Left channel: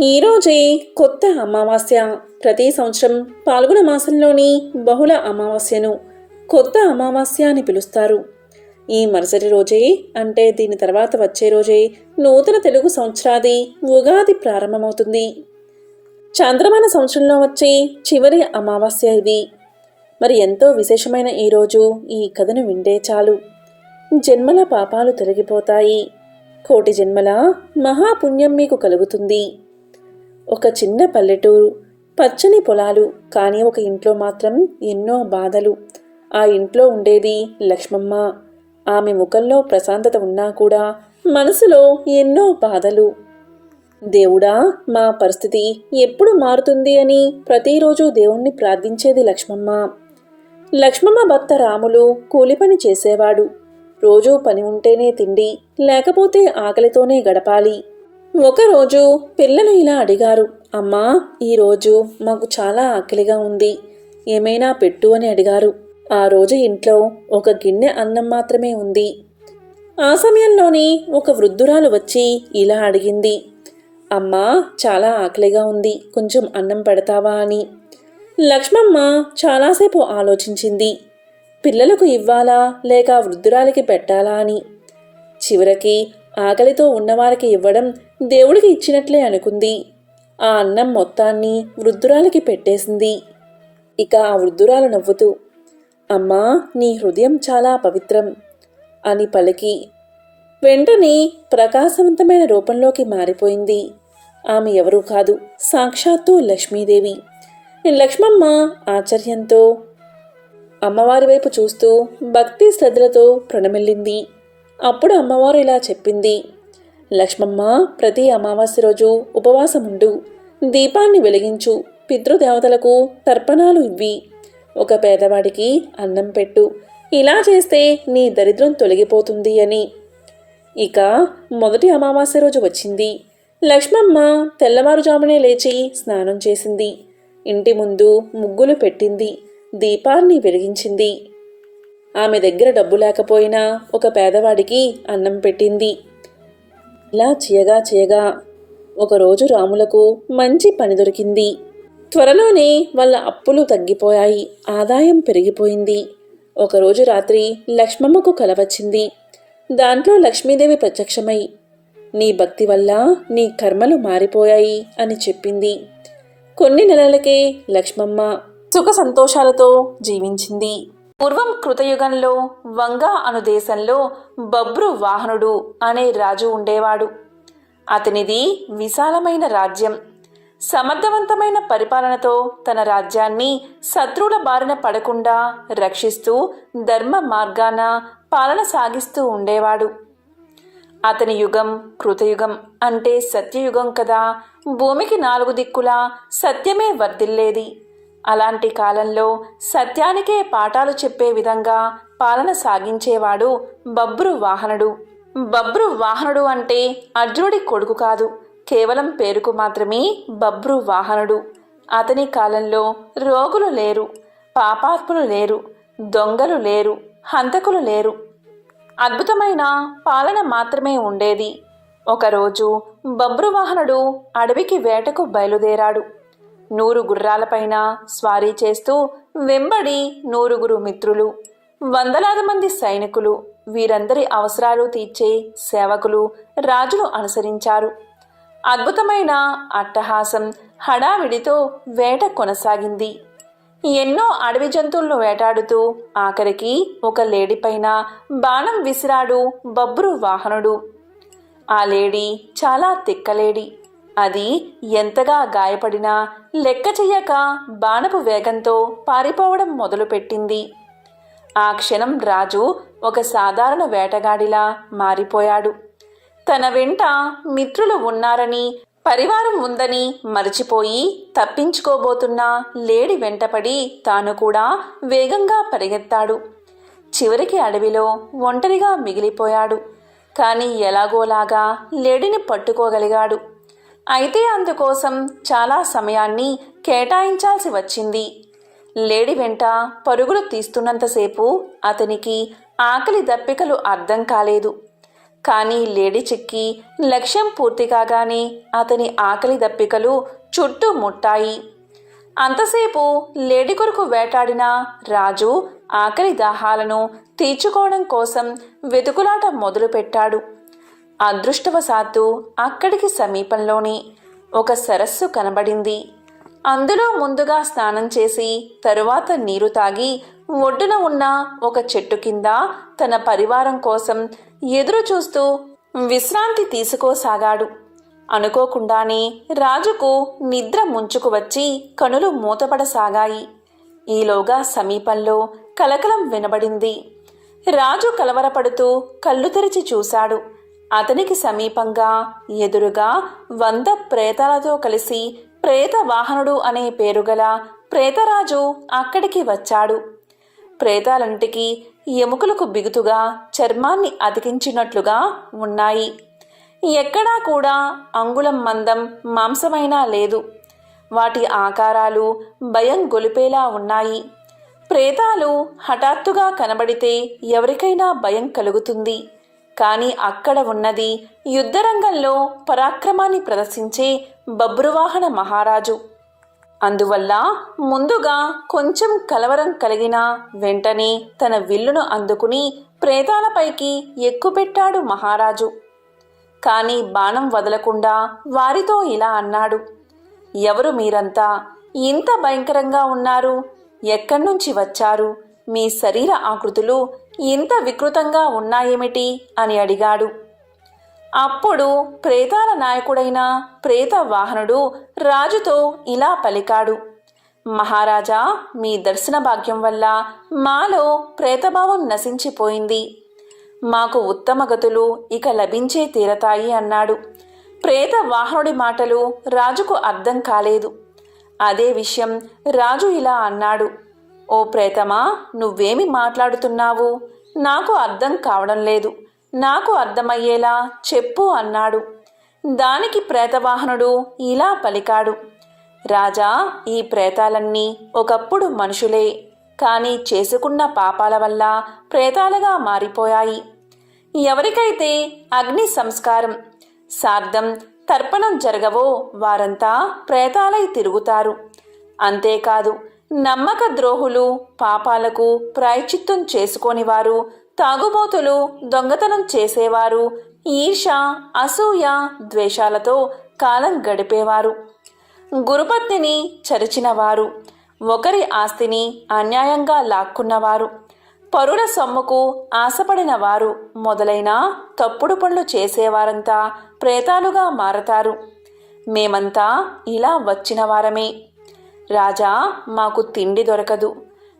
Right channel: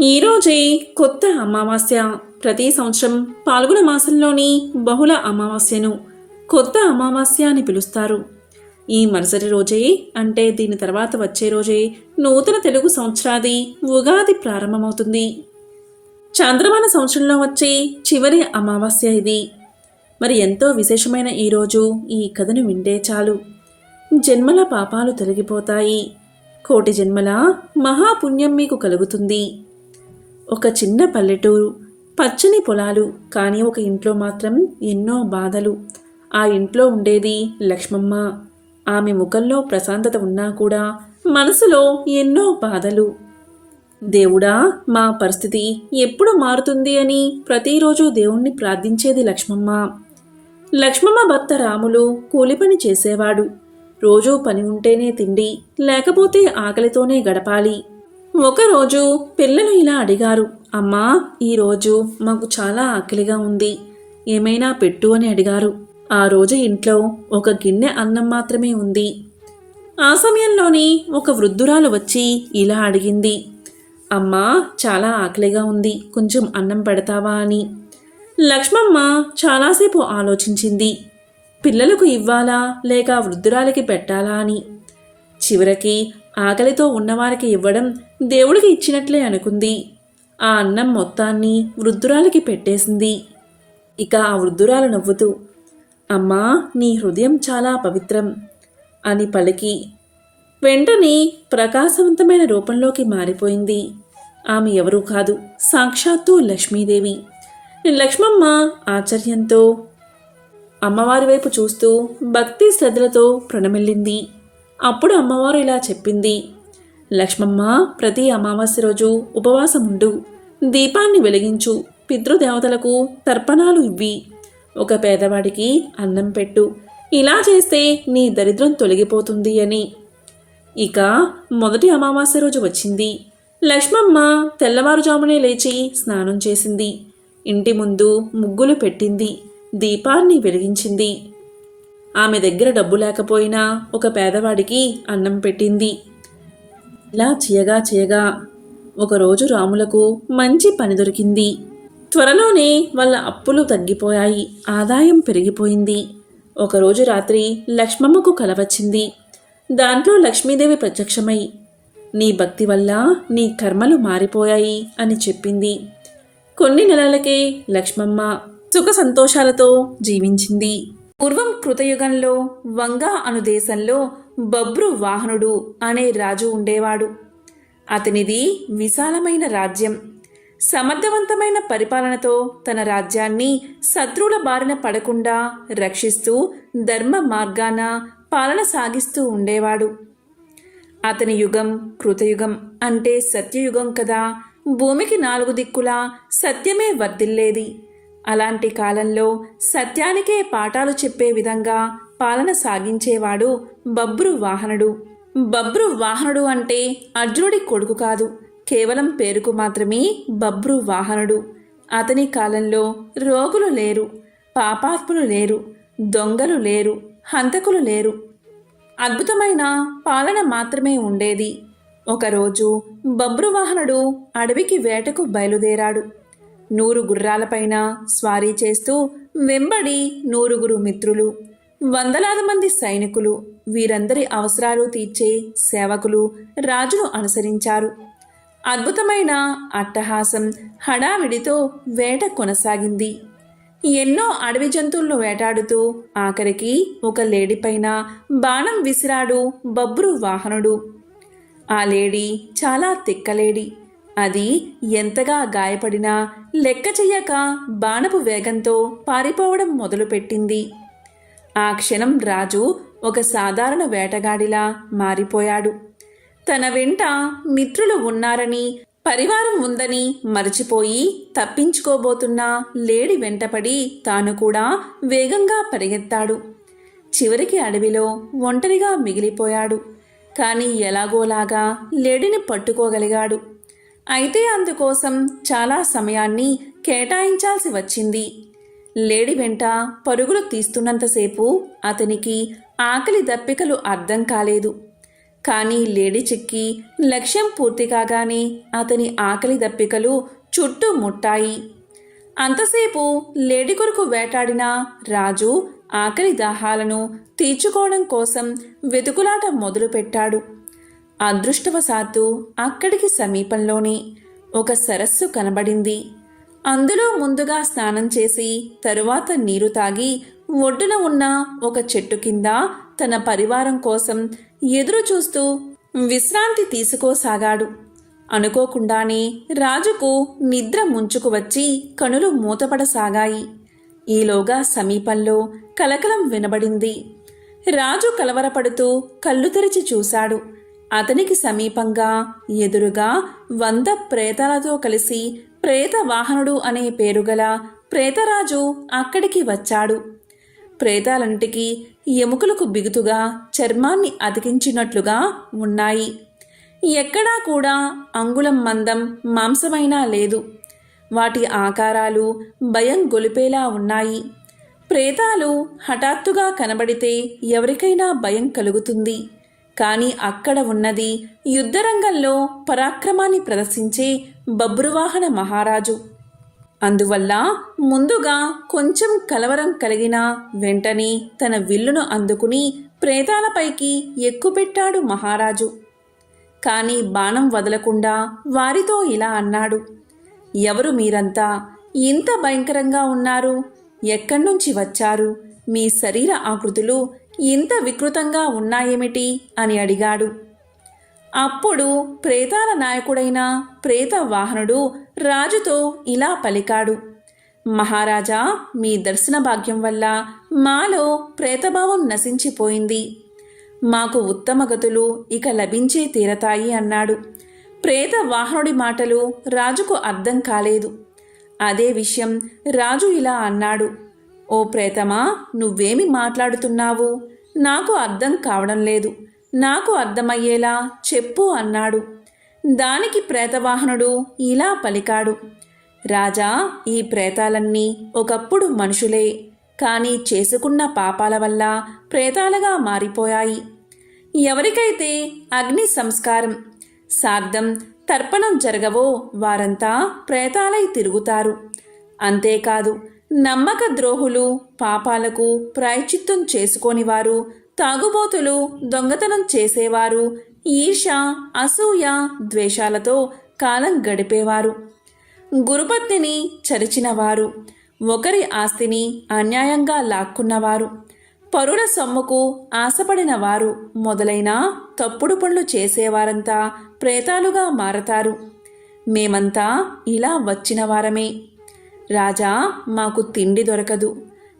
ఈరోజే కొత్త అమావాస్య. ప్రతి సంవత్సరం పాల్గొన మాసంలోని బహుళ అమావాస్యను కొత్త అమావాస్య అని పిలుస్తారు. ఈ మరుసటి రోజే అంటే దీని తర్వాత వచ్చే రోజే నూతన తెలుగు సంవత్సరాది ఉగాది ప్రారంభమవుతుంది. చాంద్రమాన సంవత్సరంలో వచ్చే చివరి అమావాస్య ఇది. మరి ఎంతో విశేషమైన ఈరోజు ఈ కథను వింటే చాలు జన్మల పాపాలు తొలగిపోతాయి, కోటి జన్మల మహాపుణ్యం మీకు కలుగుతుంది. ఒక చిన్న పల్లెటూరు, పచ్చని పొలాలు, కానీ ఒక ఇంట్లో మాత్రం ఎన్నో బాధలు. ఆ ఇంట్లో ఉండేది లక్ష్మమ్మ. ఆమె ముఖంలో ప్రశాంతత ఉన్నా కూడా మనసులో ఎన్నో బాధలు. దేవుడా, మా పరిస్థితి ఎప్పుడు మారుతుంది అని ప్రతిరోజు దేవుణ్ణి ప్రార్థించేది లక్ష్మమ్మ. లక్ష్మమ్మ భర్త రాములు కూలి పని చేసేవాడు. రోజూ పని ఉంటేనే తిండి, లేకపోతే ఆకలితోనే గడపాలి. ఒకరోజు పిల్లలు ఇలా అడిగారు, అమ్మా, ఈరోజు మాకు చాలా ఆకలిగా ఉంది, ఏమైనా పెట్టు అని అడిగారు. ఆ రోజు ఇంట్లో ఒక గిన్నె అన్నం మాత్రమే ఉంది. ఆ సమయంలోని ఒక వృద్ధురాలు వచ్చి ఇలా అడిగింది, అమ్మా, చాలా ఆకలిగా ఉంది, కొంచెం అన్నం పెడతావా అని. లక్ష్మమ్మ చాలాసేపు ఆలోచించింది, పిల్లలకు ఇవ్వాలా లేక వృద్ధురాలికి పెట్టాలా అని. చివరికి ఆకలితో ఉన్నవారికి ఇవ్వడం దేవుడికి ఇచ్చినట్లే అనుకుంది. ఆ అన్నం మొత్తాన్ని వృద్ధురాలికి పెట్టేసింది. ఇక ఆ వృద్ధురాలు నవ్వుతూ, అమ్మా, నీ హృదయం చాలా పవిత్రం అని పలికి వెంటనే ప్రకాశవంతమైన రూపంలోకి మారిపోయింది. ఆమె ఎవరూ కాదు, సాక్షాత్తు లక్ష్మీదేవి. లక్ష్మమ్మ ఆశ్చర్యంతో అమ్మవారి వైపు చూస్తూ భక్తి శ్రద్ధలతో ప్రణమిల్లింది. అప్పుడు అమ్మవారు ఇలా చెప్పింది, లక్ష్మమ్మ, ప్రతి అమావాస్య రోజు ఉపవాసం ఉండు, దీపాన్ని వెలిగించు, పితృదేవతలకు తర్పణాలు ఇవ్వి, ఒక పేదవాడికి అన్నం పెట్టు. ఇలా చేస్తే నీ దరిద్రం తొలగిపోతుంది అని. ఇక మొదటి అమావాస్య రోజు వచ్చింది. లక్ష్మమ్మ తెల్లవారుజామునే లేచి స్నానం చేసింది. ఇంటి ముందు ముగ్గులు పెట్టింది, దీపాన్ని వెలిగించింది. ఆమె దగ్గర డబ్బు లేకపోయినా ఒక పేదవాడికి అన్నం పెట్టింది. ఇలా చేయగా ఒకరోజు రాములకు మంచి పని దొరికింది. త్వరలోనే వాళ్ళ అప్పులు తగ్గిపోయాయి, ఆదాయం పెరిగిపోయింది. ఒకరోజు రాత్రి లక్ష్మమ్మకు కల వచ్చింది. దాంట్లో లక్ష్మీదేవి ప్రత్యక్షమై, నీ భక్తి వల్ల నీ కర్మలు మారిపోయాయి అని చెప్పింది. కొన్ని నెలలకే లక్ష్మమ్మ సుఖ సంతోషాలతో జీవించింది. పూర్వం కృతయుగంలో వంగ అను దేశంలో బబ్రు వాహనుడు అనే రాజు ఉండేవాడు. అతనిది విశాలమైన రాజ్యం. సమర్థవంతమైన పరిపాలనతో తన రాజ్యాన్ని శత్రువుల బారిన పడకుండా రక్షిస్తూ ధర్మ మార్గాన పాలన సాగిస్తూ ఉండేవాడు. అతని యుగం కృతయుగం అంటే సత్యయుగం కదా. భూమికి 4 దిక్కులా సత్యమే వర్ధిల్లేది. అలాంటి కాలంలో సత్యానికే పాఠాలు చెప్పే విధంగా పాలన సాగించేవాడు బబ్రు వాహనుడు. బబ్రు వాహనుడు అంటే అర్జునుడి కొడుకు కాదు, కేవలం పేరుకు మాత్రమే బబ్రు వాహనుడు. అతని కాలంలో రోగులు లేరు, పాపాత్ములు లేరు, దొంగలు లేరు, హంతకులు లేరు. అద్భుతమైన పాలన మాత్రమే ఉండేది. ఒకరోజు బబ్రువాహనుడు అడవికి వేటకు బయలుదేరాడు. 100 గుర్రాలపైన స్వారీ చేస్తూ వెంబడి 100 మిత్రులు, వందలాది మంది సైనికులు, వీరందరి అవసరాలు తీర్చే సేవకులు రాజును అనుసరించారు. అద్భుతమైన అట్టహాసం హడావిడితో వేట కొనసాగింది. ఎన్నో అడవి జంతువులను వేటాడుతూ ఆఖరికి ఒక లేడీపైన బాణం విసిరాడు బబ్రు వాహనుడు. ఆ లేడీ చాలా తిక్కలేడి. అది ఎంతగా గాయపడినా లెక్క చెయ్యక బాణపు వేగంతో పారిపోవడం మొదలుపెట్టింది. ఆ క్షణం రాజు ఒక సాధారణ వేటగాడిలా మారిపోయాడు. తన వెంట మిత్రులు ఉన్నారని, పరివారం ఉందని మరచిపోయి తప్పించుకోబోతున్న లేడి వెంటపడి తాను కూడా వేగంగా పరిగెత్తాడు. చివరికి అడవిలో ఒంటరిగా మిగిలిపోయాడు. కానీ ఎలాగోలాగా లేడిని పట్టుకోగలిగాడు. అయితే అందుకోసం చాలా సమయాన్ని కేటాయించాల్సి వచ్చింది. లేడి వెంట పరుగులు తీస్తున్నంతసేపు అతనికి ఆకలి దప్పికలు అర్థం కాలేదు. కానీ లేడి చిక్కి లక్ష్యం పూర్తి కాగానే అతని ఆకలి దప్పికలు చుట్టూ ముట్టాయి. అంతసేపు లేడి కొరకు వేటాడిన రాజు ఆకలి దాహాలను తీర్చుకోవడం కోసం వెతుకులాట మొదలుపెట్టాడు. అదృష్టవశాత్తు అక్కడికి సమీపంలోని ఒక సరస్సు కనబడింది. అందులో ముందుగా స్నానం చేసి తరువాత నీరు తాగి ఒడ్డున ఉన్న ఒక చెట్టు కింద తన పరివారం కోసం ఎదురు చూస్తూ విశ్రాంతి తీసుకోసాగాడు. అనుకోకుండానే రాజుకు నిద్ర ముంచుకు వచ్చి కనులు మూతపడసాగాయి. ఈలోగా సమీపంలో కలకలం వినబడింది. రాజు కలవరపడుతూ కళ్ళు తెరిచి చూశాడు. అతనికి సమీపంగా ఎదురుగా 100 ప్రేతాలతో కలిసి ప్రేత వాహనుడు అనే పేరుగల ప్రేతరాజు అక్కడికి వచ్చాడు. ప్రేతాలంటికి ఎముకలకు బిగుతుగా చర్మాన్ని అతికించినట్లుగా ఉన్నాయి. ఎక్కడా కూడా అంగుళం మందం మాంసమైనా లేదు. వాటి ఆకారాలు భయం గొలిపేలా ఉన్నాయి. ప్రేతాలు హఠాత్తుగా కనబడితే ఎవరికైనా భయం కలుగుతుంది. కానీ అక్కడ ఉన్నది యుద్ధరంగంలో పరాక్రమాన్ని ప్రదర్శించే బబ్రువాహన మహారాజు. అందువల్ల ముందుగా కొంచెం కలవరం కలిగిన వెంటనే తన విల్లును అందుకుని ప్రేతాలపైకి ఎక్కుపెట్టాడు మహారాజు. కానీ బాణం వదలకుండా వారితో ఇలా అన్నాడు, ఎవరు మీరంతా? ఇంత భయంకరంగా ఉన్నారు. ఎక్కడ్నుంచి వచ్చారు? మీ శరీర ఆకృతులు ఇంత వికృతంగా ఉన్నాయేమిటి అని అడిగాడు. అప్పుడు ప్రేతాల నాయకుడైన ప్రేత వాహనుడు రాజుతో ఇలా పలికాడు, మహారాజా, మీ దర్శన భాగ్యం వల్ల మాలో ప్రేతభావం నశించిపోయింది. మాకు ఉత్తమ గతులు ఇక లభించే తీరతాయి అన్నాడు. ప్రేత వాహనుడి మాటలు రాజుకు అర్థం కాలేదు. అదే విషయం రాజు ఇలా అన్నాడు, ఓ ప్రేతమా, నువ్వేమి మాట్లాడుతున్నావు? నాకు అర్థం కావడం లేదు. నాకు అర్థమయ్యేలా చెప్పు అన్నాడు. దానికి ప్రేతవాహనుడు ఇలా పలికాడు, రాజా, ఈ ప్రేతాలన్నీ ఒకప్పుడు మనుషులే, కానీ చేసుకున్న పాపాల వల్ల ప్రేతాలుగా మారిపోయాయి. ఎవరికైతే అగ్ని సంస్కారం, శ్రాద్ధం, తర్పణం జరగవో వారంతా ప్రేతాలై తిరుగుతారు. అంతేకాదు, నమ్మక ద్రోహులు, పాపాలకు ప్రాయశ్చిత్తం చేసుకోనివారు, తాగుబోతులు, దొంగతనం చేసేవారు, ఈర్ష, అసూయ, ద్వేషాలతో కాలం గడిపేవారు, గురుపత్నిని చరిచినవారు, ఒకరి ఆస్తిని అన్యాయంగా లాక్కున్నవారు, పరుల సొమ్ముకు ఆశపడిన వారు మొదలైన తప్పుడు పనులు చేసేవారంతా ప్రేతాలుగా మారతారు. మేమంతా ఇలా వచ్చిన వారమే. రాజా, మాకు తిండి దొరకదు,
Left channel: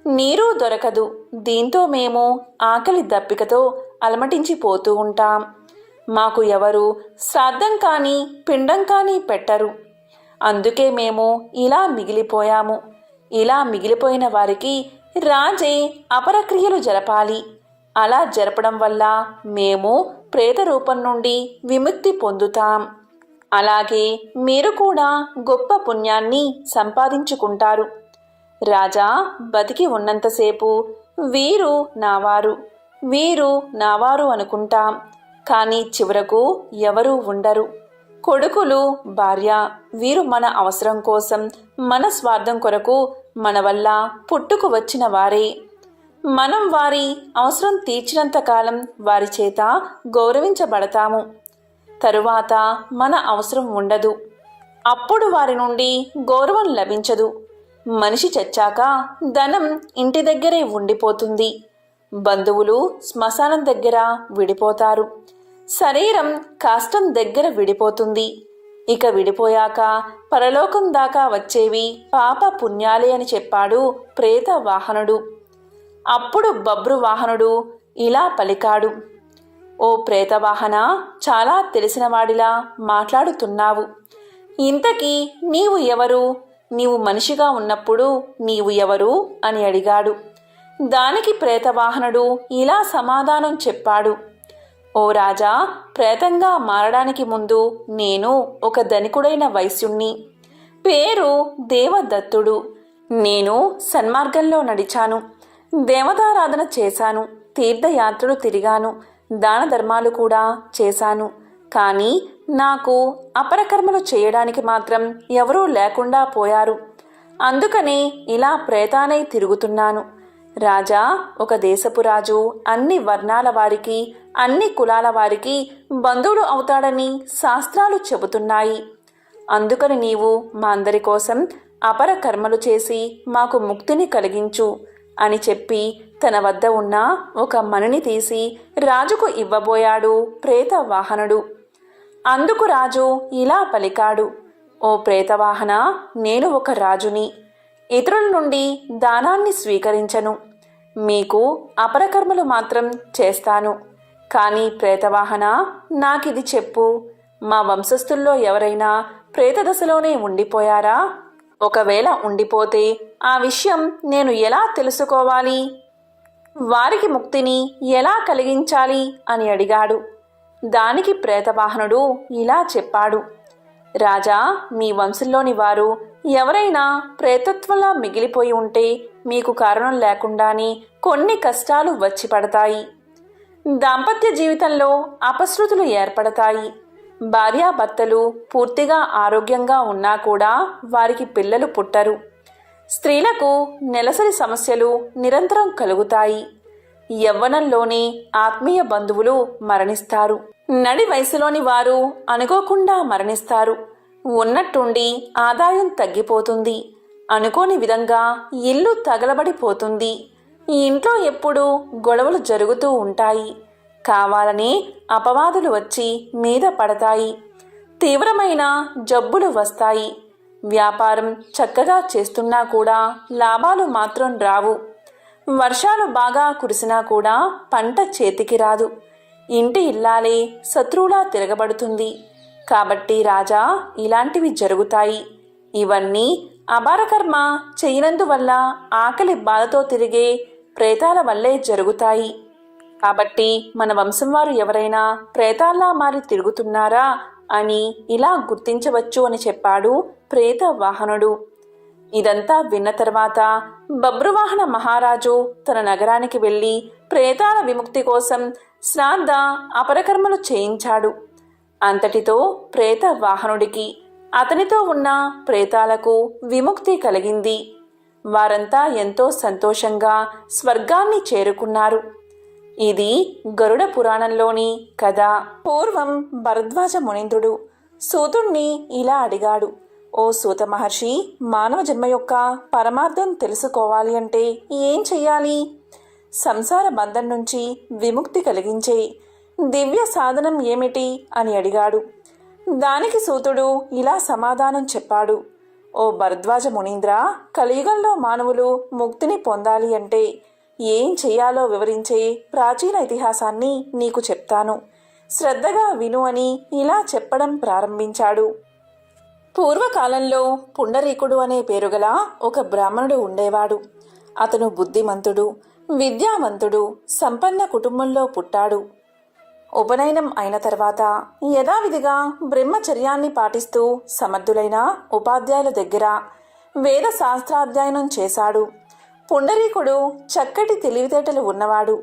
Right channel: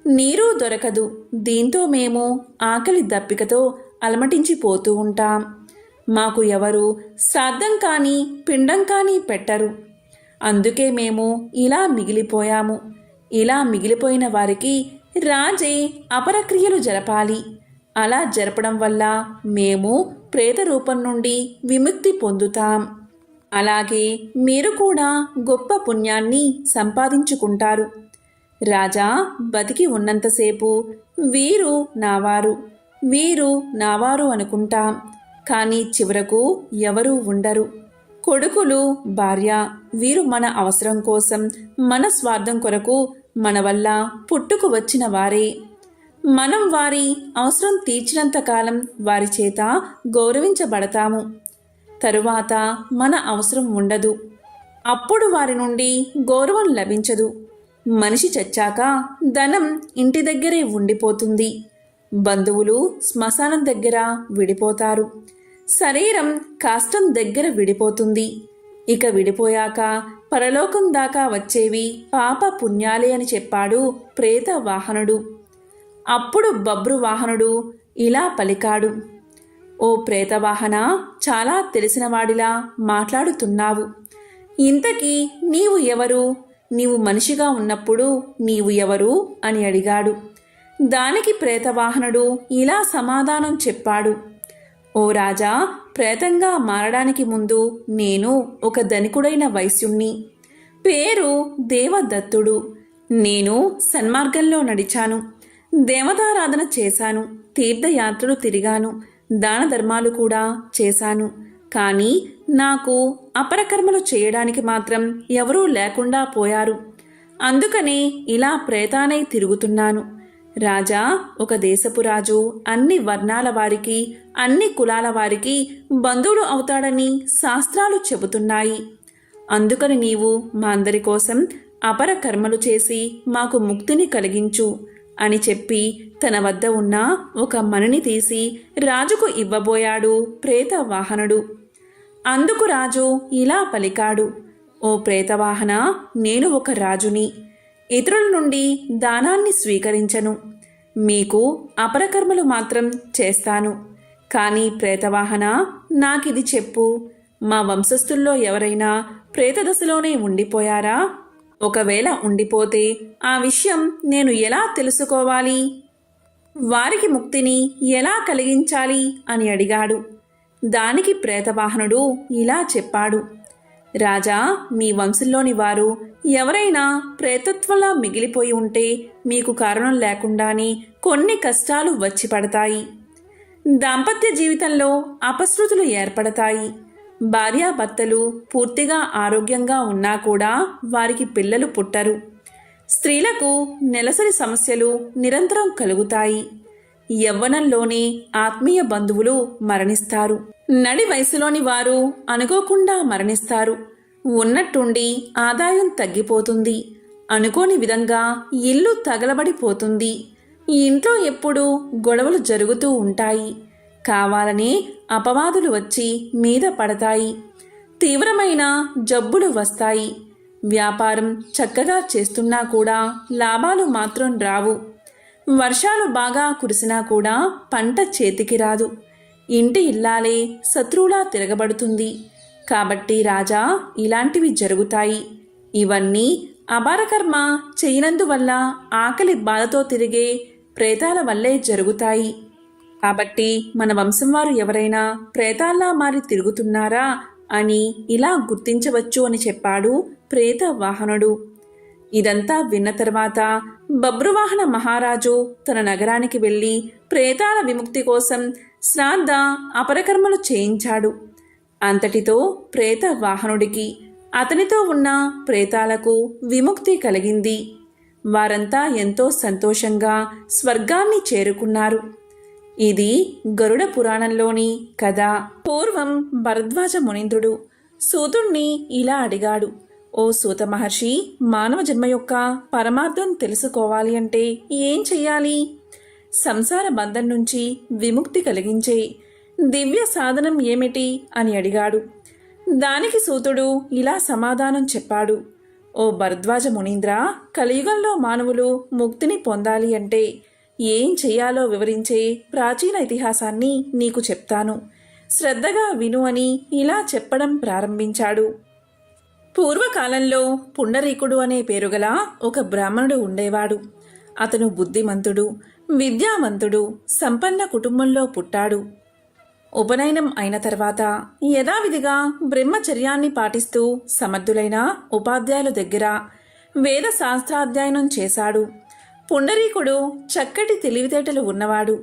నీరు దొరకదు. దీంతో మేము ఆకలి దప్పికతో అలమటించిపోతూ ఉంటాం. మాకు ఎవరు శ్రాద్ధం కానీ పిండం కానీ పెట్టరు. అందుకే మేము ఇలా మిగిలిపోయాము. ఇలా మిగిలిపోయిన వారికి రాజే అపరక్రియలు జరపాలి. అలా జరపడం వల్ల మేము ప్రేత రూపం నుండి విముక్తి పొందుతాం. అలాగే మీరు కూడా గొప్ప పుణ్యాన్ని సంపాదించుకుంటారు. రాజా, బతికి ఉన్నంతసేపు వీరు నావారు, వీరు నావారు అనుకుంటాం. కానీ చివరకు ఎవరూ ఉండరు. కొడుకులు, భార్య, వీరు మన అవసరం కోసం, మన స్వార్థం కొరకు మన వల్ల పుట్టుకు వచ్చిన వారే. మనం వారి అవసరం తీర్చినంతకాలం వారి చేత గౌరవించబడతాము. తరువాత మన అవసరం ఉండదు. అప్పుడు వారి నుండి గౌరవం లభించదు. మనిషి చచ్చాక ధనం ఇంటి దగ్గరే ఉండిపోతుంది. బంధువులు శ్మశానం దగ్గర విడిపోతారు. శరీరం కాష్టం దగ్గర విడిపోతుంది. ఇక విడిపోయాక పరలోకం దాకా వచ్చేవి పాప పుణ్యాలే అని చెప్పాడు ప్రేత వాహనుడు. అప్పుడు బబ్రు వాహనుడు ఇలా పలికాడు, ఓ ప్రేతవాహన, చాలా తెలిసినవాడిలా మాట్లాడుతున్నావు. ఇంతకీ నీవు ఎవరు? నీవు మనిషిగా ఉన్నప్పుడు నీవు ఎవరు అని అడిగాడు. దానికి ప్రేతవాహనుడు ఇలా సమాధానం చెప్పాడు, ఓ రాజా, ప్రేతంగా మారడానికి ముందు నేను ఒక ధనికుడైన వైశ్యుణ్ణి. పేరు దేవదత్తుడు. నేను సన్మార్గంలో నడిచాను, దేవతారాధన చేశాను, తీర్థయాత్రలు తిరిగాను, దాన ధర్మాలు కూడా చేశాను. కానీ నాకు అపరకర్మలు చేయడానికి మాత్రం ఎవరూ లేకుండా పోయారు. అందుకనే ఇలా ప్రేతానై తిరుగుతున్నాను. రాజా, ఒక దేశపు రాజు అన్ని వర్ణాల వారికి, అన్ని కులాల వారికి బంధువులు అవుతాడని శాస్త్రాలు చెబుతున్నాయి. అందుకని నీవు మా అందరి కోసం అపర కర్మలు చేసి మాకు ముక్తిని కలిగించు అని చెప్పి తన వద్ద ఉన్న ఒక మణిని తీసి రాజుకు ఇవ్వబోయాడు ప్రేతవాహనుడు. అందుకు రాజు ఇలా పలికాడు, ఓ ప్రేతవాహన, నేను ఒక రాజుని. ఇతరుల నుండి దానాన్ని స్వీకరించను. మీకు అపరకర్మలు మాత్రం చేస్తాను. కానీ ప్రేతవాహన, నాకిది చెప్పు, మా వంశస్థుల్లో ఎవరైనా ప్రేతదశలోనే ఉండిపోయారా? ఒకవేళ ఉండిపోతే ఆ విషయం నేను ఎలా తెలుసుకోవాలి? వారికి ముక్తిని ఎలా కలిగించాలి అని అడిగాడు. దానికి ప్రేతవాహనుడు ఇలా చెప్పాడు, రాజా, మీ వంశంలోని వారు ఎవరైనా ప్రేతత్వంలా మిగిలిపోయి ఉంటే మీకు కారణం లేకుండానే కొన్ని కష్టాలు వచ్చి పడతాయి. దాంపత్య జీవితంలో అపశృతులు ఏర్పడతాయి. భార్యాభర్తలు పూర్తిగా ఆరోగ్యంగా ఉన్నా కూడా వారికి పిల్లలు పుట్టరు. స్త్రీలకు నెలసరి సమస్యలు నిరంతరం కలుగుతాయి. యవ్వనంలోనే ఆత్మీయ బంధువులు మరణిస్తారు. నడి వయసులోని వారు అనుకోకుండా మరణిస్తారు. ఉన్నట్టుండి ఆదాయం తగ్గిపోతుంది. అనుకోని విధంగా ఇల్లు తగలబడిపోతుంది. ఈ ఇంట్లో ఎప్పుడూ గొడవలు జరుగుతూ ఉంటాయి. కావాలని అపవాదులు వచ్చి మీద పడతాయి. తీవ్రమైన జబ్బులు వస్తాయి. వ్యాపారం చక్కగా చేస్తున్నా కూడా లాభాలు మాత్రం రావు. వర్షాలు బాగా కురిసినా కూడా పంట చేతికి రాదు. ఇంటి ఇల్లాలే శత్రువులా తిరగబడుతుంది. కాబట్టి రాజా, ఇలాంటివి జరుగుతాయి. ఇవన్నీ అపారకర్మ చేయనందువల్ల ఆకలి బాధతో తిరిగే ప్రేతాల వల్లే జరుగుతాయి. కాబట్టి మన వంశం వారు ఎవరైనా ప్రేతాల్లా మారి తిరుగుతున్నారా అని ఇలా గుర్తించవచ్చు అని చెప్పాడు ప్రేతవాహనుడు. ఇదంతా విన్న తర్వాత బబ్రువాహన మహారాజు తన నగరానికి వెళ్ళి ప్రేతాల విముక్తి కోసం శ్రాద్ధ అపరకర్మలు చేయించాడు. అంతటితో ప్రేతవాహనుడికి, అతనితో ఉన్న ప్రేతాలకు విముక్తి కలిగింది. వారంతా ఎంతో సంతోషంగా స్వర్గాన్ని చేరుకున్నారు. ఇది గరుడ పురాణంలోని కథ. పూర్వం భరద్వాజ మునీంద్రుడు సూతుణ్ణి ఇలా అడిగాడు, ఓ సూత మహర్షి, మానవ జన్మ యొక్క పరమార్థం తెలుసుకోవాలి అంటే ఏం చెయ్యాలి? సంసార బంధం నుంచి విముక్తి కలిగించే దివ్య సాధనం ఏమిటి అని అడిగాడు. దానికి సూతుడు ఇలా సమాధానం చెప్పాడు, ఓ భరద్వాజ మునీంద్ర, కలియుగంలో మానవులు ముక్తిని పొందాలి అంటే ఏం చెయ్యాలో వివరించే ప్రాచీన ఇతిహాసాన్ని నీకు చెప్తాను. శ్రద్ధగా విను అని ఇలా చెప్పడం ప్రారంభించాడు. పూర్వకాలంలో పుండరీకుడు అనే పేరుగల ఒక బ్రాహ్మణుడు ఉండేవాడు. అతను బుద్ధిమంతుడు, విద్యావంతుడు, సంపన్న కుటుంబంలో పుట్టాడు. ఉపనయనం అయిన తర్వాత యథావిధిగా బ్రహ్మచర్యాన్ని పాటిస్తూ సమర్థులైన ఉపాధ్యాయుల దగ్గర వేద శాస్త్రాధ్యయనం చేశాడు. పుండరీకుడు చక్కటి తెలివితేటలు ఉన్నవాడు.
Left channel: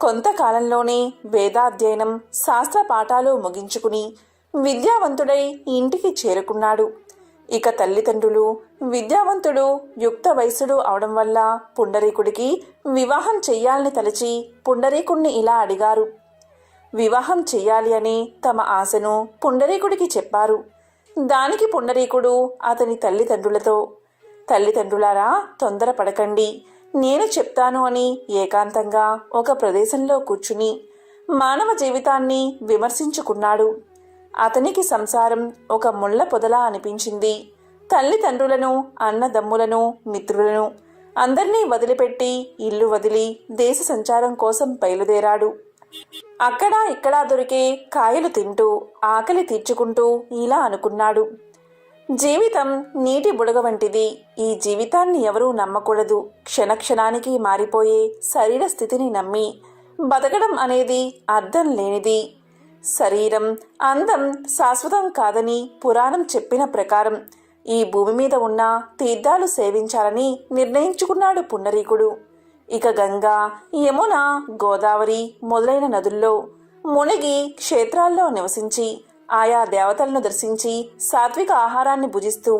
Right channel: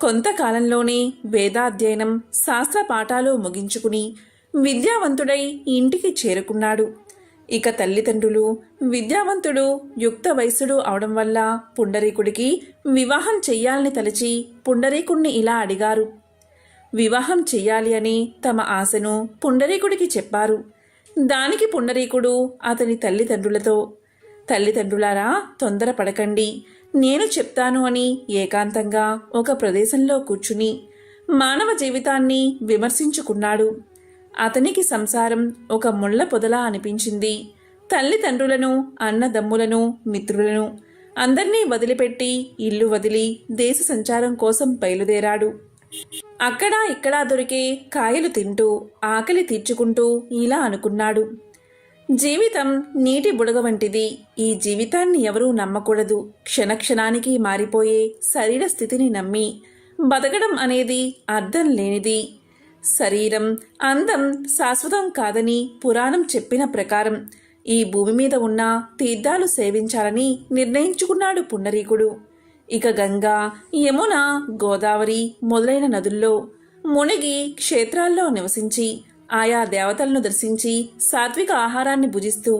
కొంతకాలంలోనే వేదాధ్యయనం, శాస్త్ర పాఠాలు ముగించుకుని విద్యావంతుడై ఇంటికి చేరుకున్నాడు. ఇక తల్లిదండ్రులు విద్యావంతుడు, యుక్త వయసుడు అవడం వల్ల పుండరీకుడికి వివాహం చెయ్యాలని తలచి పుండరీకుణ్ణి ఇలా అడిగారు. వివాహం చెయ్యాలి అని తమ ఆశను పుండరీకుడికి చెప్పారు. దానికి పుండరీకుడు అతని తల్లిదండ్రులతో, తల్లిదండ్రులారా, తొందరపడకండి, నేను చెప్తాను అని ఏకాంతంగా ఒక ప్రదేశంలో కూర్చుని మానవ జీవితాన్ని విమర్శించుకున్నాడు. అతనికి సంసారం ఒక ముళ్ళ పొదలా అనిపించింది. తల్లిదండ్రులను, అన్నదమ్ములను, మిత్రులను అందర్నీ వదిలిపెట్టి ఇల్లు వదిలి దేశ సంచారం కోసం బయలుదేరాడు. అక్కడా ఇక్కడా దొరికే కాయలు తింటూ ఆకలి తీర్చుకుంటూ ఇలా అనుకున్నాడు, జీవితం నీటి బుడగ వంటిది. ఈ జీవితాన్ని ఎవరూ నమ్మకూడదు. క్షణక్షణానికి మారిపోయే శరీర స్థితిని నమ్మి బతకడం అనేది అర్థం లేనిది. శరీరం, అందం శాశ్వతం కాదని పురాణం చెప్పిన ప్రకారం ఈ భూమి మీద ఉన్న తీర్థాలు సేవించాలని నిర్ణయించుకున్నాడు పుండరీకుడు. ఇక గంగా, యమున, గోదావరి మొదలైన నదుల్లో మునిగి క్షేత్రాల్లో నివసించి ఆయా దేవతలను దర్శించి సాత్విక ఆహారాన్ని భుజిస్తూ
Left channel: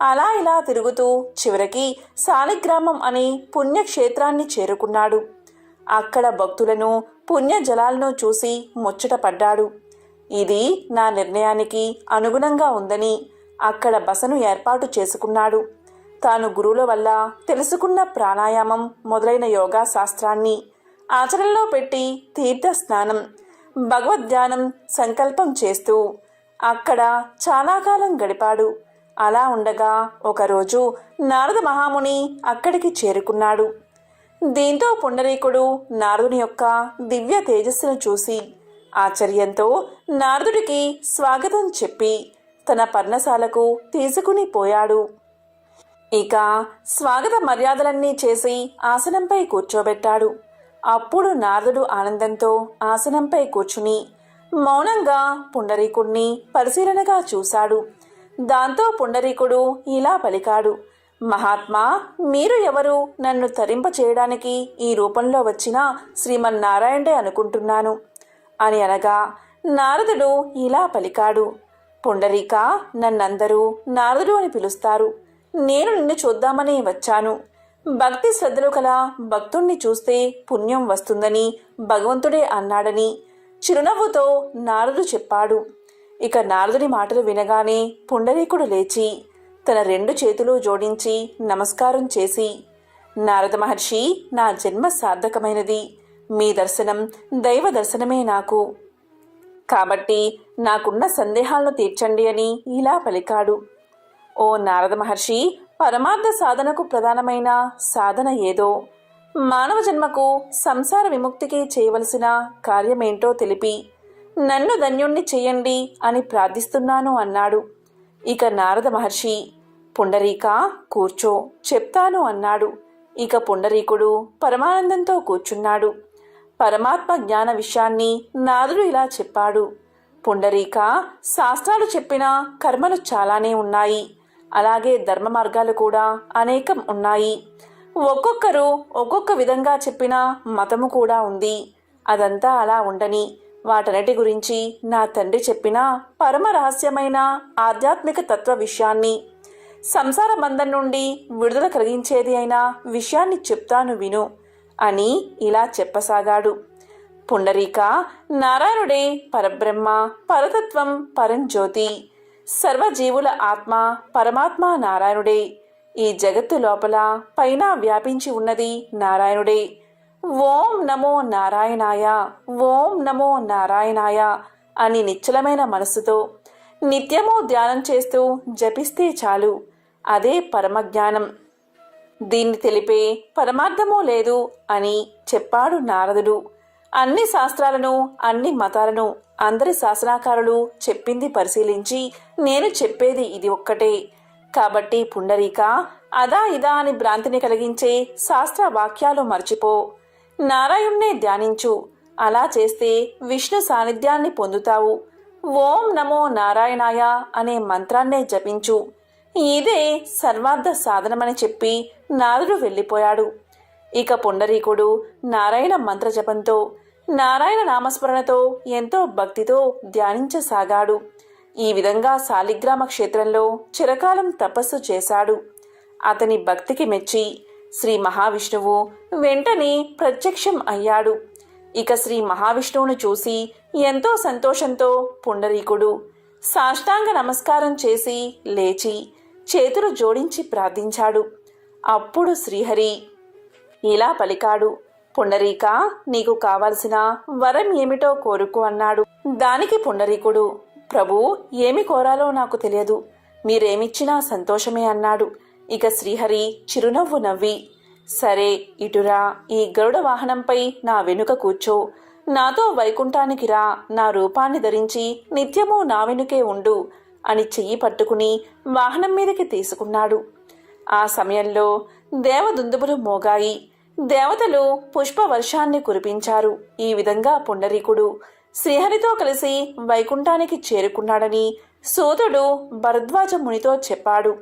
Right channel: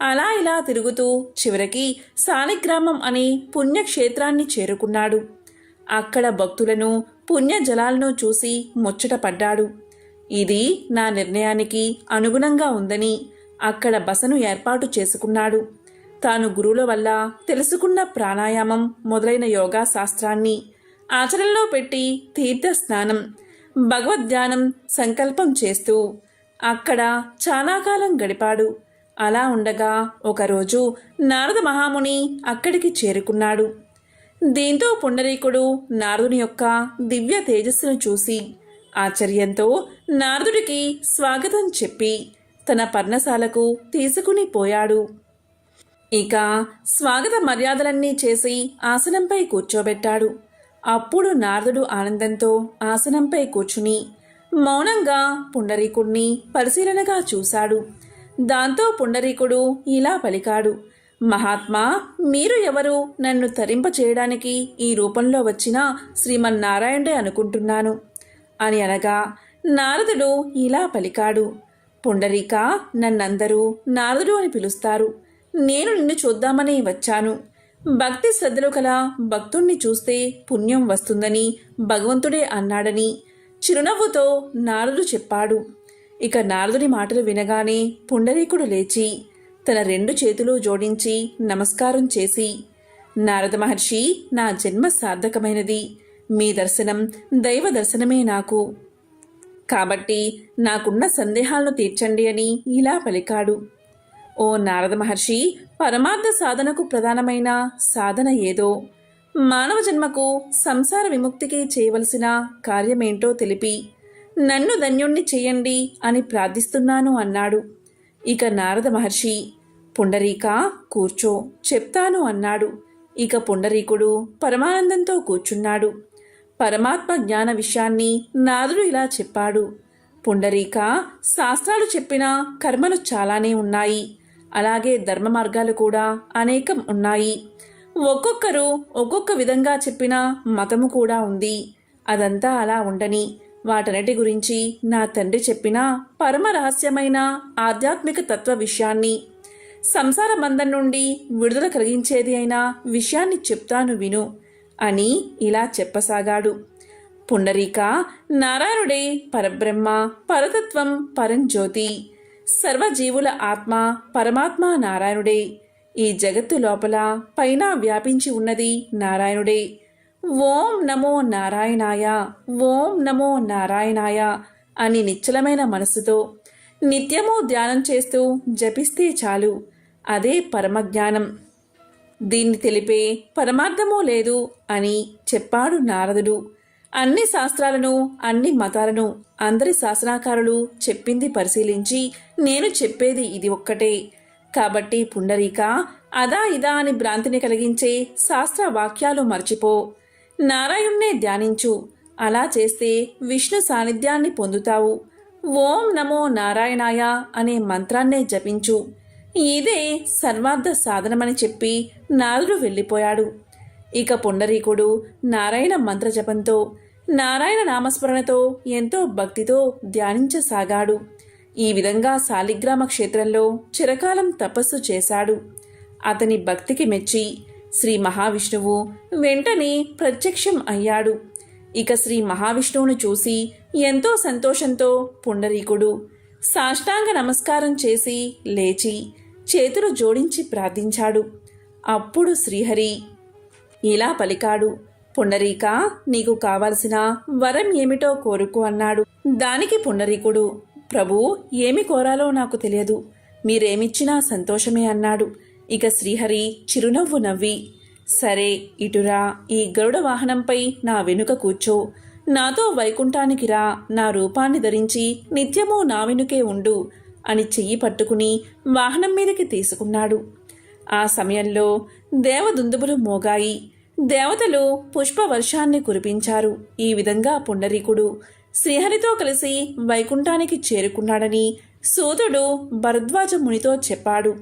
అలా ఇలా తిరుగుతూ చివరికి శాలిగ్రామం అనే పుణ్యక్షేత్రాన్ని చేరుకున్నాడు. అక్కడ భక్తులను పుణ్య జలాలను చూసి ముచ్చటపడ్డాడు. ఇది నా నిర్ణయానికి అనుగుణంగా ఉందని అక్కడ బసను ఏర్పాటు చేసుకున్నాడు. తాను గురువుల వల్ల తెలుసుకున్న ప్రాణాయామం మొదలైన యోగా శాస్త్రాన్ని ఆచరణలో పెట్టి తీర్థ స్నానం, భగవద్ధ్యానం సంకల్పం చేస్తూ అక్కడ చాలా కాలం గడిపాడు. అలా ఉండగా ఒకరోజు నారద మహాముని అక్కడికి చేరుకున్నాడు. దీంతో పుండరీకుడు నారదుని యొక్క దివ్య తేజస్సును చూసి ఆశ్చర్యంతో నారదుడికి స్వాగతం చెప్పి తన పర్ణశాలకు తీసుకుని పోయాడు. ఇక స్వాగత మర్యాదలన్నీ చేసి ఆసనంపై కూర్చోబెట్టాడు. అప్పుడు నారదుడు ఆనందంతో ఆసనంపై కూర్చుని మౌనంగా పుండరీకుడిని పరిశీలనగా చూశాడు. దాంతో పుండరీకుడు ఇలా పలికాడు, మహాత్మా, మీరు ఎవరు? నన్ను తరింప చేయడానికి ఈ రూపంలో వచ్చిన శ్రీమన్నారాయణుడే అనుకుంటున్నాను అని అనగా నారదుడు ఇలా పలికాడు, పుండరీక, నన్నందరూ నారదుడు అని పిలుస్తారు. నేను నిన్ను చూద్దామని వచ్చాను. భక్తి శ్రద్ధలు కల భక్తుణ్ణి చూస్తే పుణ్యం వస్తుందని భగవంతుడే అన్నాడని చిరునవ్వుతో నారదుడు చెప్పాడు. ఇక నారదుడి మాటలు వినగానే పుండరీకుడు లేచి తన 2 చేతులు జోడించి నమస్కారం చేసి, నారద మహర్షి, నా జన్మ సార్థకమైనది. మీ దర్శనం దైవ దర్శనమే నాకు. కాబట్టి నాకున్న సందేహాలను తీర్చండి అని ఇలా పలికాడు. ఓ నారద మహర్షి, పరమార్థ సాధనకు ప్రధానమైన సాధన ఏదో, మానవ జన్మకు సంసార విముక్తికి చేయవలసిన కార్యమేంటో తెలిపి నన్ను ధన్యుణ్ణి చెయ్యండి అని ప్రార్థిస్తున్నాను అన్నాడు. ఇక నారద మహర్షి, పుండరీక, కూర్చో, చెప్తాను అన్నాడు. ఇక పుండరీకుడు పరమానందంతో కూర్చున్నాడు. పరమాత్మ జ్ఞాన విషయాన్ని నారదుడు ఇలా చెప్పాడు. పుండరీక, శాస్త్రాలు చెప్పిన కర్మలు చాలానే ఉన్నాయి. అలాగే ధర్మ మార్గాలు కూడా అనేకం ఉన్నాయి. ఒక్కొక్కరు ఒక్కొక్క విధంగా చెప్పిన మతము కూడా ఉంది. అదంతా అలా ఉండని వాటన్నిటి గురించి నా తండ్రి చెప్పిన పరమ రహస్యమైన ఆధ్యాత్మిక తత్వ విషయాన్ని, సంసార బంధం నుండి విడుదల కలిగించేది అయిన విషయాన్ని చెప్తాను విను అని ఇలా చెప్పసాగాడు. పుండరీక, నారాయణుడే పరబ్రహ్మ, పరతత్వం, పరంజ్యోతి, సర్వజీవుల ఆత్మ పరమాత్మ నారాయణుడే. ఈ జగత్తు లోపల పైన వ్యాపించి ఉన్నది నారాయణుడే. ఓం నమో నారాయణాయ, ఓం నమో నారాయణాయ అని నిశ్చలమైన మనస్సుతో నిత్యము ధ్యానం చేస్తూ జపిస్తే చాలు. అదే పరమజ్ఞానం. దీన్ని తెలిపే పరమార్థమూ లేదు అని చెప్పాడు నారదుడు. అన్ని శాస్త్రాలను, అన్ని మతాలను, అందరి శాసనాకారులు చెప్పింది పరిశీలించి నేను చెప్పేది ఇది ఒక్కటే. కాబట్టి పుండరీక, అదా ఇదా అని భ్రాంతిని కలిగించే శాస్త్ర వాక్యాలు మర్చిపో. నారాయణ్ణే ధ్యానించు. అలా చేస్తే విష్ణు సాన్నిధ్యాన్ని పొందుతావు. ఓం నమో నారాయణాయ అనే మంత్రాన్నే జపించు. ఇదే సర్వార్థ సాధనమని చెప్పి నారదుడు వెళ్ళిపోయాడు. ఇక పుండరీకుడు నారాయణ మంత్ర జపంతో, నారాయణ నామస్మరణతో ఎంతో భక్తితో ధ్యానించసాగాడు. ఈ విధంగా శాలిగ్రామ క్షేత్రంలో చిరకాలం తపస్సు చేశాడు. అతని భక్తికి మెచ్చి శ్రీ మహావిష్ణువు వెంటనే ప్రత్యక్షం అయ్యాడు. ఇక శ్రీ మహావిష్ణువును చూసి ఎంతో సంతోషంతో పుండరీకుడు సాష్టాంగ నమస్కారం చేసి లేచి చేతులు జోడించి ప్రార్థించాడు. అప్పుడు శ్రీహరి ఇలా పలికాడు, పుండరీక, నీకు కావలసిన వరం ఏమిటో కోరుకో అన్నాడు. దానికి పుండరీకుడు, ప్రభు, ఏమి కోరాలో నాకు తెలియదు, మీరేమిచ్చినా సంతోషమే అన్నాడు. ఇక శ్రీహరి చిరునవ్వు నవ్వి, సరే, ఇటురా, ఈ గరుడ వాహనంపై నా వెనుక కూర్చో, నాతో వైకుంఠానికి రా, నా రూపాన్ని ధరించి నిత్యము నా వెనుకే ఉండు అని చెయ్యి పట్టుకుని వాహనం మీదకి తీసుకున్నాడు. ఆ సమయంలో దేవదుందుబులు మోగాయి. దేవతలు పుష్పవర్షాన్ని కురిపించారు. ఈ విధంగా పుండరీకుడు శ్రీహరితో కలిసి వైకుంఠానికి చేరుకున్నాడని సూతుడు భరద్వాజ మునితో చెప్పాడు.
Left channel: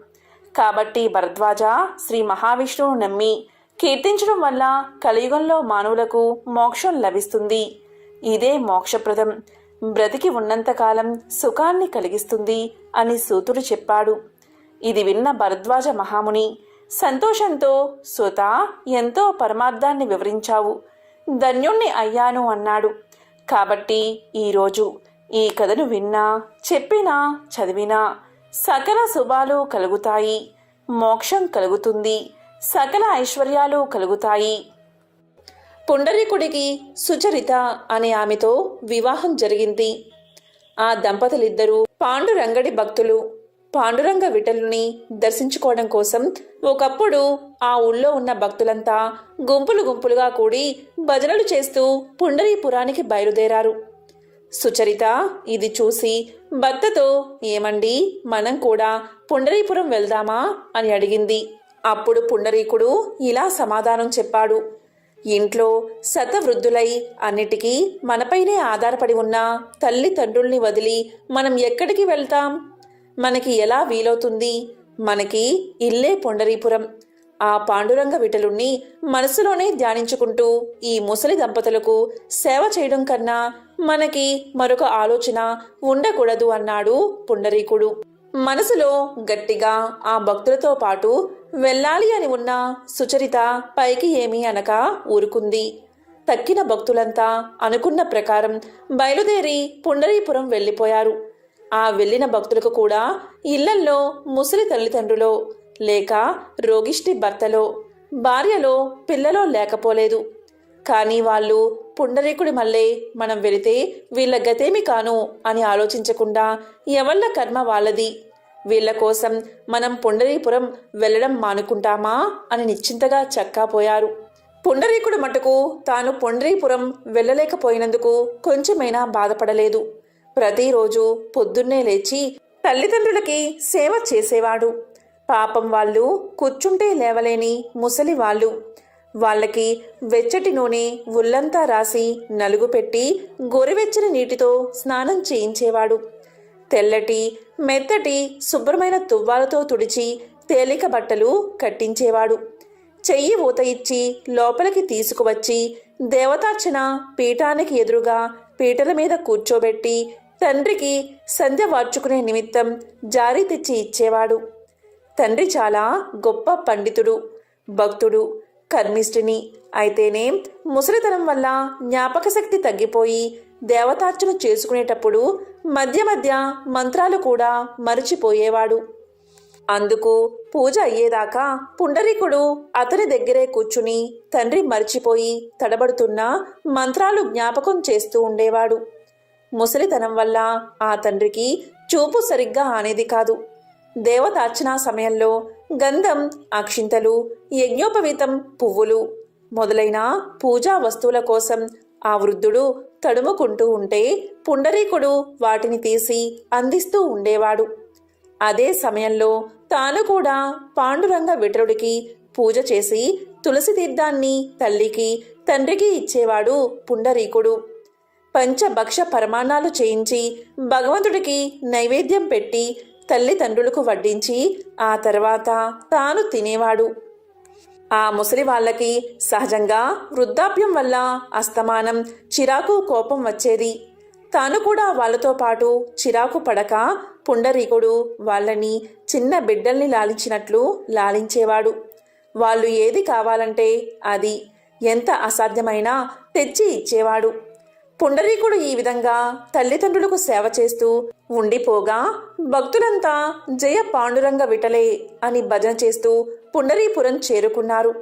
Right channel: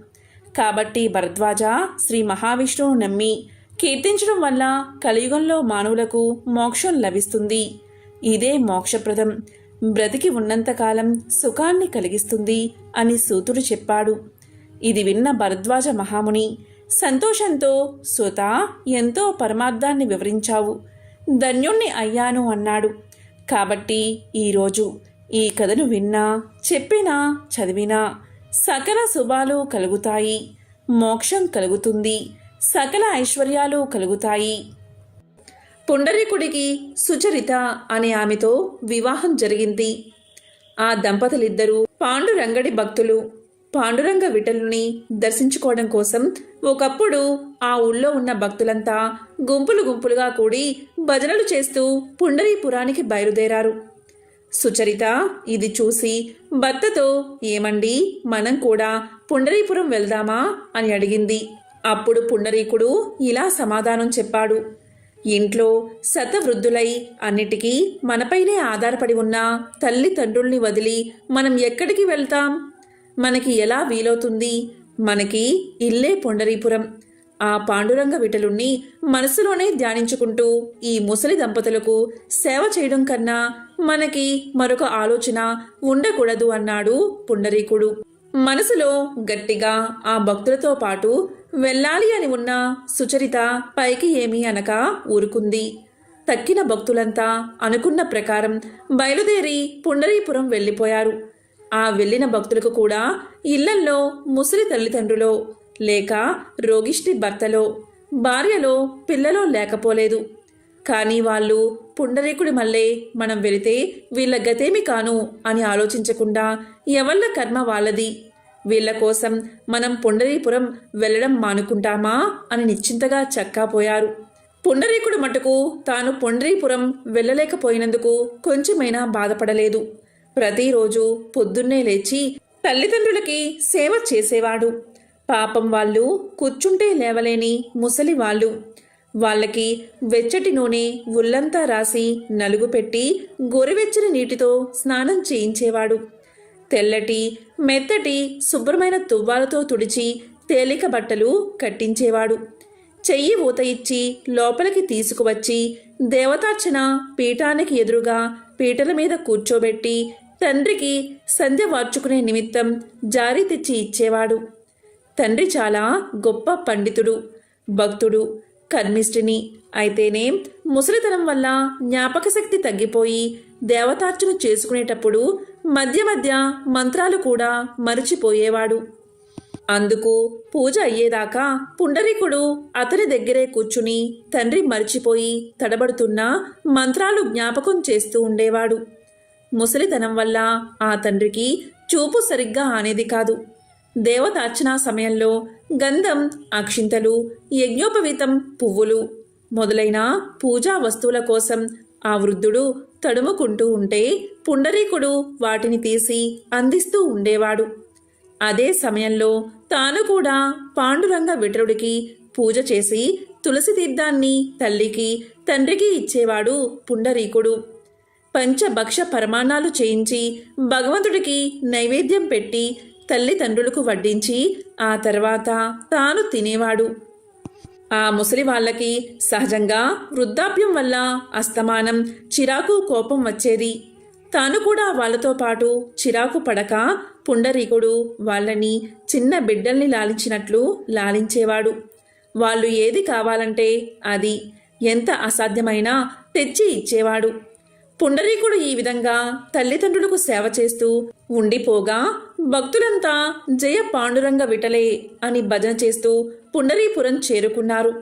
కాబట్టి భరద్వాజ శ్రీ మహావిష్ణువును నమ్మి కీర్తించడం వల్ల కలియుగంలో మానవులకు మోక్షం లభిస్తుంది. ఇదే మోక్షప్రదం, బ్రతికి ఉన్నంతకాలం సుఖాన్ని కలిగిస్తుంది అని సూతుడు చెప్పాడు. ఇది విన్న భరద్వాజ మహాముని సంతోషంతో, సుత, ఎంతో పరమార్థాన్ని వివరించావు, ధన్యుణ్ణి అయ్యాను అన్నాడు. కాబట్టి ఈరోజు ఈ కథను విన్నా, చెప్పినా, చదివినా సకల శుభాలు కలుగుతాయి, మోక్షం కలుగుతుంది, సకల ఐశ్వర్యాలు కలుగుతాయి. పుండరీకుడికి సుచరిత అనే ఆమెతో వివాహం జరిగింది. ఆ దంపతులిద్దరూ పాండురంగడి భక్తులు. పాండురంగ విఠలుని దర్శించుకోవడం కోసం ఒకప్పుడు ఆ ఊళ్ళో ఉన్న భక్తులంతా గుంపులు గుంపులుగా కూడి భజనలు చేస్తూ పుండరీపురానికి బయలుదేరారు. సుచరిత ఇది చూసి భర్తతో, ఏమండి, మనం కూడా పుండరీపురం వెళ్దామా అని అడిగింది. అప్పుడు పుండరీకుడు ఇలా సమాధానం చెప్పాడు. ఇంట్లో శతవృద్ధులై అన్నిటికీ మనపైనే ఆధారపడి ఉన్న తల్లిదండ్రుల్ని వదిలి మనం ఎక్కడికి వెళ్తాం? మనకి ఎలా వీలవుతుంది? మనకి ఇల్లే పుండరీపురం. ఆ పాండురంగ విఠలుణ్ణి మనసులోనే ధ్యానించుకుంటూ ఈ ముసలి దంపతులకు సేవ చేయడం కన్నా మనకి మరొక ఆలోచన ఉండకూడదు అన్నాడు పుండరీకుడు. మనసులో గట్టిగా ఆ భక్తులతో పాటు వెళ్ళాలి అని ఉన్న సుచరిత పైకి ఏమీ అనక ఊరుకుంది. తక్కిన భక్తులంతా అనుకున్న ప్రకారం బయలుదేరి పుండరీపురం వెళ్ళిపోయారు. ఆ వెళ్ళిన భక్తులకు కూడా ఇళ్లల్లో ముసలి తల్లిదండ్రులో, లేక రోగిష్టి భర్తలో, భార్యలో, పిల్లలో లేకపోలేదు. కానీ వాళ్ళు పుండరీకుడి మళ్ళే మనం వెళితే వీళ్ళ గతేమి కాను అని ఆలోచించకుండా ఎవళ్ళ కర్మ వాళ్ళది, వీళ్ల కోసం మనం పుండరీపురం వెళ్లడం మానుకుంటామా అని నిశ్చింతగా చక్కాపోయారు. పుండరీకుడు మటుకు తాను పుండరీపురం వెళ్ళలేకపోయినందుకు కొంచెమైనా బాధపడలేదు. ప్రతిరోజు పొద్దున్నే లేచి తల్లిదండ్రులకి సేవ చేసేవాడు. పాపం వాళ్ళు కూర్చుంటే లేవలేని ముసలి వాళ్ళు. వాళ్ళకి వెచ్చటి నూనె ఒళ్ళంతా రాసి నలుగు పెట్టి గోరువెచ్చని నీటితో స్నానం చేయించేవాడు. తెల్లటి మెత్తటి శుభ్రమైన తువ్వాలతో తుడిచి తేలిక బట్టలు కట్టించేవాడు. చెయ్యి ఊత ఇచ్చి లోపలికి తీసుకువచ్చి దేవతార్చన పీఠానికి ఎదురుగా పీటల మీద కూర్చోబెట్టి తండ్రికి సంధ్య వార్చుకునే నిమిత్తం జారీ తెచ్చి ఇచ్చేవాడు. తండ్రి చాలా గొప్ప పండితుడు, భక్తుడు, కర్మిష్ఠిని అయితేనే ముసలితనం వల్ల జ్ఞాపక శక్తి తగ్గిపోయి దేవతార్చన చేసుకునేటప్పుడు మధ్య మధ్య మంత్రాలు కూడా మరిచిపోయేవాడు. అందుకు పూజ అయ్యేదాకా పుండరీకుడు అతని దగ్గరే కూర్చుని తండ్రి మరిచిపోయి తడబడుతున్న మంత్రాలు జ్ఞాపకం చేస్తూ ఉండేవాడు. ముసలితనం వల్ల ఆ తండ్రికి చూపు సరిగ్గా ఆనేది కాదు. దేవతార్చనా సమయంలో గంధం, అక్షింతలు, యజ్ఞోపవీతం, పువ్వులు మొదలైన పూజా వస్తువుల కోసం ఆ వృద్ధుడు తడుముకుంటూ ఉంటే పుండరీకుడు వాటిని తీసి అందిస్తూ ఉండేవాడు. అదే సమయంలో తాను కూడా పాండురంగ విఠలుడికి పూజ చేసి తులసి తీర్థాన్ని తల్లికి తండ్రికి ఇచ్చేవాడు పుండరీకుడు. పంచభక్ష పరమాన్నాలు చేయించి భగవంతుడికి నైవేద్యం పెట్టి తల్లిదండ్రులకు వడ్డించి ఆ తర్వాత తాను తినేవాడు. ఆ ముసలి వాళ్ళకి సహజంగా వృద్ధాప్యం వల్ల అస్తమానం చిరాకు, కోపం వచ్చేది. తాను కూడా వాళ్లతో పాటు చిరాకు పడక పుండరీకుడు వాళ్ళని చిన్న బిడ్డల్ని లాలించినట్లు లాలించేవాడు. వాళ్ళు ఏది కావాలంటే అది ఎంత అసాధ్యమైనా తెచ్చి ఇచ్చేవాడు. పుండరీకుడు ఈ విధంగా తల్లిదండ్రులకు సేవ చేస్తూ ఉండిపోగా భక్తులంతా జయ పాండురంగ విఠలే అని భజన చేస్తూ పుండరీపురం చేరుకున్నారు.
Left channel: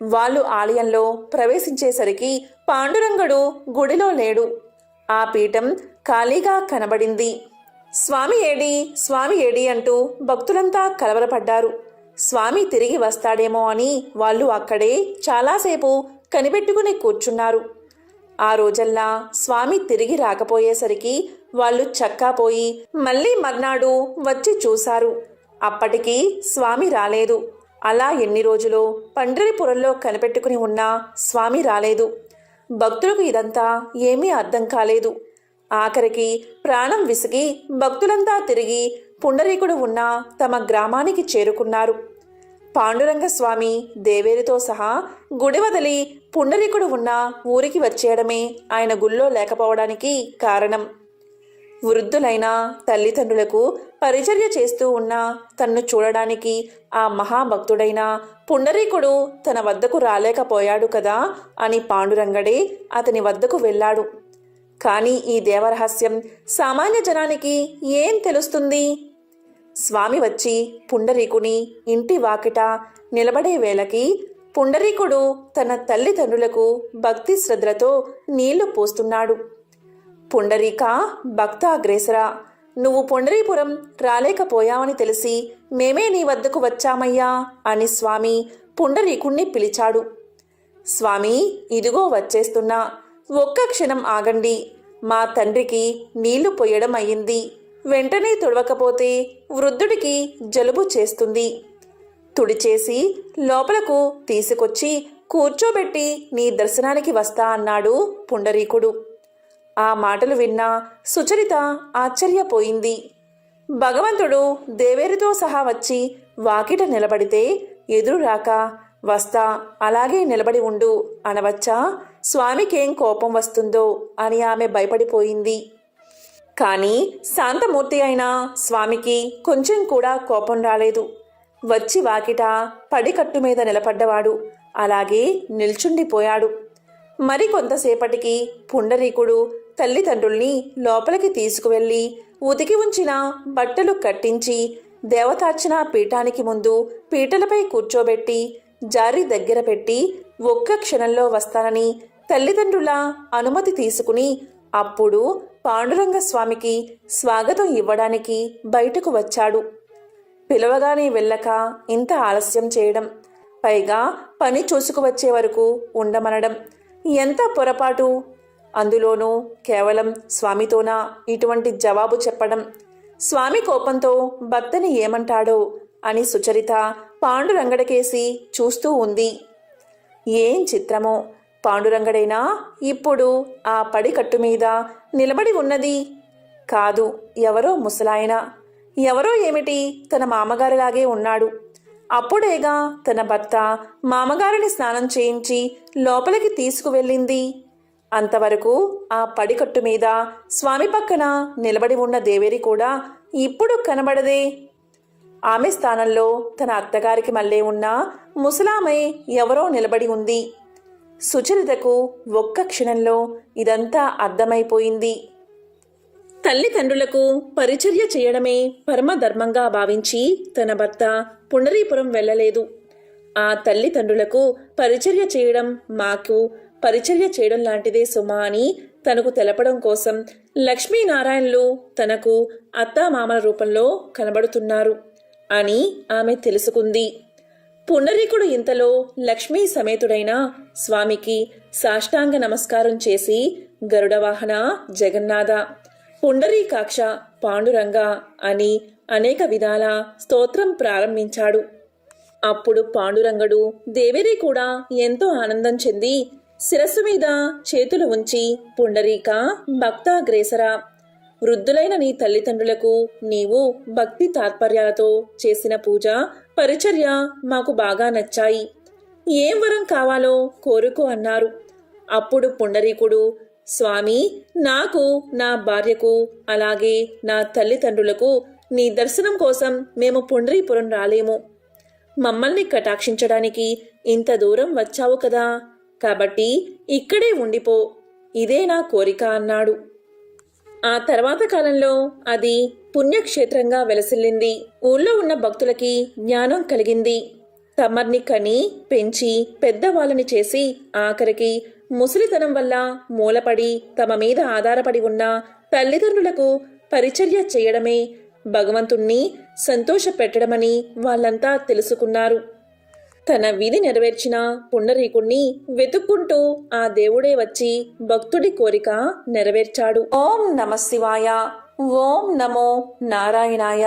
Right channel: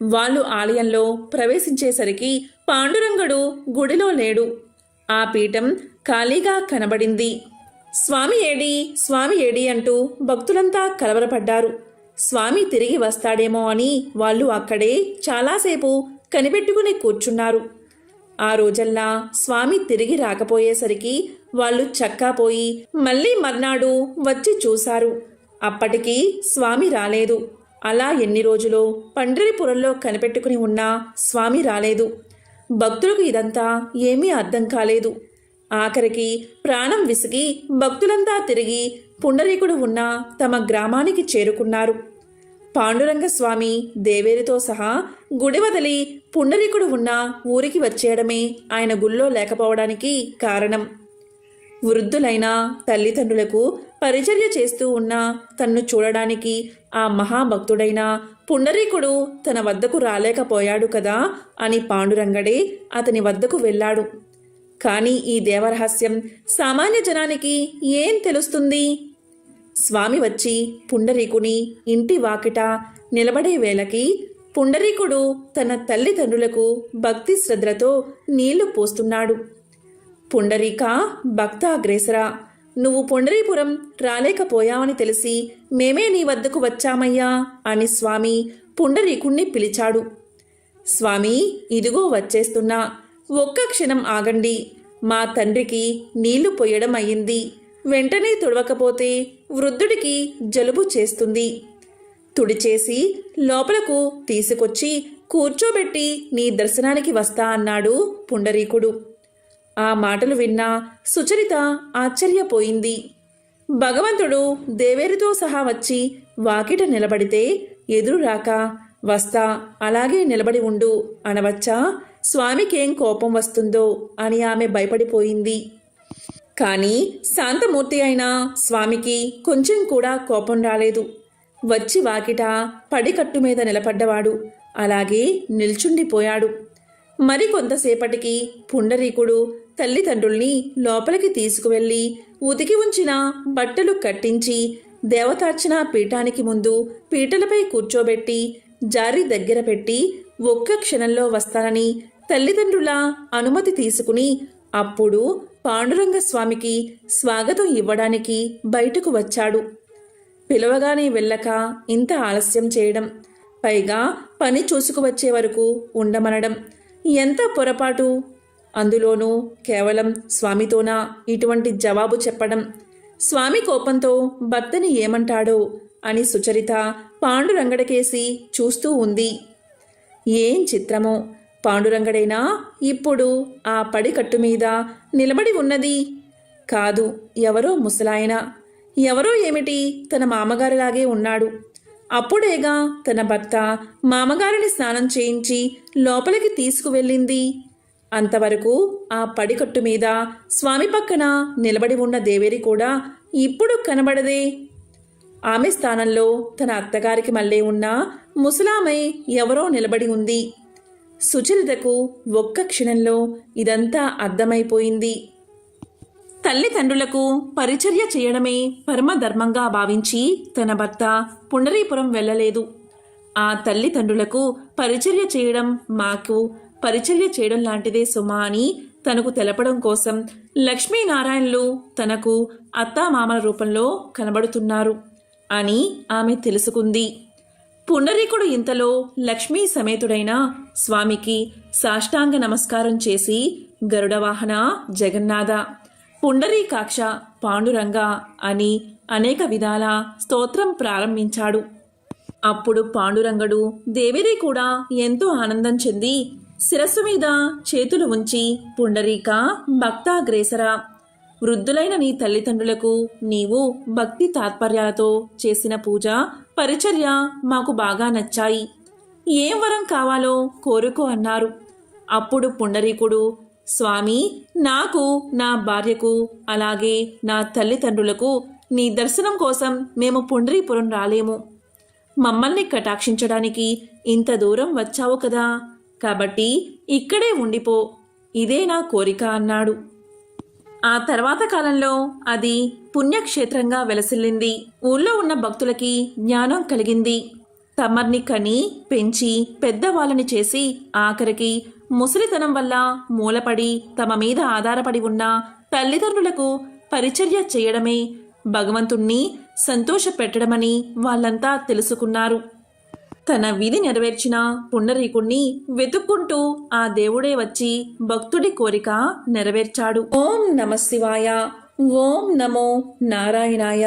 వాళ్ళు ఆలయంలో ప్రవేశించేసరికి పాండురంగడు గుడిలో లేడు. ఆ పీఠం ఖాళీగా కనబడింది. స్వామి ఏడి, స్వామి ఏడి అంటూ భక్తులంతా కలవరపడ్డారు. స్వామి తిరిగి వస్తాడేమో అని వాళ్ళు అక్కడే చాలాసేపు కనిపెట్టుకుని కూర్చున్నారు. ఆ రోజల్లా స్వామి తిరిగి రాకపోయేసరికి వాళ్ళు చక్కాపోయి మళ్ళీ మర్నాడు వచ్చి చూశారు. అప్పటికి స్వామి రాలేదు. అలా ఎన్ని రోజులో పండరీపురంలో కనిపెట్టుకుని ఉన్నా స్వామి రాలేదు. భక్తులకు ఇదంతా ఏమీ అర్థం కాలేదు. ఆఖరికి ప్రాణం విసిగి భక్తులంతా తిరిగి పుండరీకుడు ఉన్న తమ గ్రామానికి చేరుకున్నారు. పాండురంగస్వామి దేవేరితో సహా గుడి వదిలి పుండరీకుడు ఉన్న ఊరికి వచ్చేయడమే ఆయన గుళ్ళో లేకపోవడానికి కారణం. వృద్ధులైన తల్లిదండ్రులకు పరిచర్య చేస్తూ ఉన్న తన్ను చూడడానికి ఆ మహాభక్తుడైన పుండరీకుడు తన వద్దకు రాలేకపోయాడు కదా అని పాండురంగడే అతని వద్దకు వెళ్ళాడు. కానీ ఈ దేవరహస్యం సామాన్య జనానికి ఏం తెలుస్తుంది? స్వామి వచ్చి పుండరీకుని ఇంటి వాకిట నిలబడే వేళకి పుండరీకుడు తన తల్లిదండ్రులకు భక్తి శ్రద్ధలతో నీళ్లు పోస్తున్నాడు. పుండరీక భక్తాగ్రేసరా, నువ్వు పుండరీపురం రాలేకపోయావని తెలిసి మేమే నీ వద్దకు వచ్చామయ్యా అని స్వామి పుండరీకుణ్ణి పిలిచాడు. స్వామి, ఇదిగో వచ్చేస్తున్నా, ఒక్క క్షణం ఆగండి. మా తండ్రికి నీళ్లు పొయ్యడం అయ్యింది. వెంటనే తుడవకపోతే వృద్ధుడికి జలుబు చేస్తుంది. తుడిచేసి లోపలకు తీసుకొచ్చి కూర్చోబెట్టి నీ దర్శనానికి వస్తా అన్నాడు పుండరీకుడు. ఆ మాటలు విన్న సుచరిత ఆశ్చర్యపోయింది. భగవంతుడు దేవేరితో సహా వచ్చి వాకిట నిలబడితే ఎదురు రాక వస్తా అలాగే నిలబడి ఉండు అనవచ్చా? స్వామికేం కోపం వస్తుందో అని ఆమె భయపడిపోయింది. కానీ శాంతమూర్తి అయిన స్వామికి కొంచెం కూడా కోపం రాలేదు. వచ్చి వాకిట పడికట్టు మీద నిలబడ్డవాడు అలాగే నిల్చుండిపోయాడు. మరి కొంతసేపటికి పుండరీకుడు తల్లిదండ్రుల్ని లోపలికి తీసుకువెళ్ళి ఉతికి ఉంచిన బట్టలు కట్టించి దేవతార్చన పీఠానికి ముందు పీటలపై కూర్చోబెట్టి జారి దగ్గర పెట్టి ఒక్క క్షణంలో వస్తానని తల్లిదండ్రుల అనుమతి తీసుకుని అప్పుడు పాండురంగస్వామికి స్వాగతం ఇవ్వడానికి బయటకు వచ్చాడు. పిలవగానే వెళ్ళక ఇంత ఆలస్యం చేయడం, పైగా పని చూసుకువచ్చే వరకు ఉండమనడం ఎంత పొరపాటు! అందులోనూ కేవలం స్వామితోనా ఇటువంటి జవాబు చెప్పడం? స్వామి కోపంతో భర్తని ఏమంటాడో అని సుచరిత పాండురంగడికేసి చూస్తూ ఉంది. ఏం చిత్రమో! పాండురంగడేనా ఇప్పుడు ఆ పడికట్టు మీద నిలబడి ఉన్నది? కాదు, ఎవరో ముసలాయన. ఎవరో ఏమిటి, తన మామగారిలాగే ఉన్నాడు. అప్పుడేగా తన భర్త మామగారిని స్నానం చేయించి లోపలికి తీసుకువెళ్ళింది. అంతవరకు ఆ పడికట్టు మీద స్వామి పక్కన నిలబడి ఉన్న దేవేరి కూడా ఇప్పుడు కనబడదే. ఆమె స్థానంలో తన అత్తగారికి మళ్ళీ ఉన్న ముసలామె ఎవరో నిలబడి ఉంది. సుచరితకు ఒక్క క్షణంలో ఇదంతా అర్థమైపోయింది. తల్లిదండ్రులకు పరిచర్య చేయడమే పరమధర్మంగా భావించి తన భర్త పుండరీపురం వెళ్ళలేదు. ఆ తల్లిదండ్రులకు పరిచర్య చేయడం మాకు పరిచర్య చేయడం లాంటిదే సుమా అని తనకు తెలపడం కోసం లక్ష్మీనారాయణలు తనకు అత్తామామల రూపంలో కనబడుతున్నారు అని ఆమె తెలుసుకుంది. పుండరీకుడు ఇంతలో లక్ష్మీ సమేతుడైన స్వామికి సాష్టాంగ నమస్కారం చేసి గరుడవాహన జగన్నాథ, పుండరీకాక్ష, పాండురంగ అని అనేక విధాల స్తోత్రం ప్రారంభించాడు. అప్పుడు పాండురంగడు దేవేరి కూడా ఎంతో ఆనందం చెంది శిరస్సు మీద చేతులు ఉంచి పుండరీక భక్తాగ్రేసరా, వృద్ధులైన నీ తల్లిదండ్రులకు నీవు భక్తి తాత్పర్యాలతో చేసిన పూజ పరిచర్య మాకు బాగా నచ్చాయి. ఏం వరం కావాలో కోరుకో అన్నారు. అప్పుడు పుండరీకుడు, స్వామి, నాకు, నా భార్యకు, అలాగే నా తల్లిదండ్రులకు నీ దర్శనం కోసం మేము పుండరీపురం రాలేము. మమ్మల్ని కటాక్షించడానికి ఇంత దూరం వచ్చావు కదా, కాబట్టి ఇక్కడే ఉండిపో, ఇదే నా కోరిక అన్నాడు. ఆ తర్వాత కాలంలో అది పుణ్యక్షేత్రంగా వెలసిల్లింది. ఊళ్ళో ఉన్న భక్తులకి జ్ఞానం కలిగింది. తమర్ని కని పెంచి పెద్దవాళ్ళని చేసి ఆఖరికి ముసలితనం వల్ల మూలపడి తమ మీద ఆధారపడి ఉన్న తల్లిదండ్రులకు పరిచర్య చేయడమే భగవంతుణ్ణి సంతోషపెట్టడమని వాళ్ళంతా తెలుసుకున్నారు. తన విధి నెరవేర్చిన పుండరీకుణ్ణి వెతుక్కుంటూ ఆ దేవుడే వచ్చి భక్తుడి కోరిక నెరవేర్చాడు. ఓం నమః శివాయ, ఓం నమో నారాయణాయ.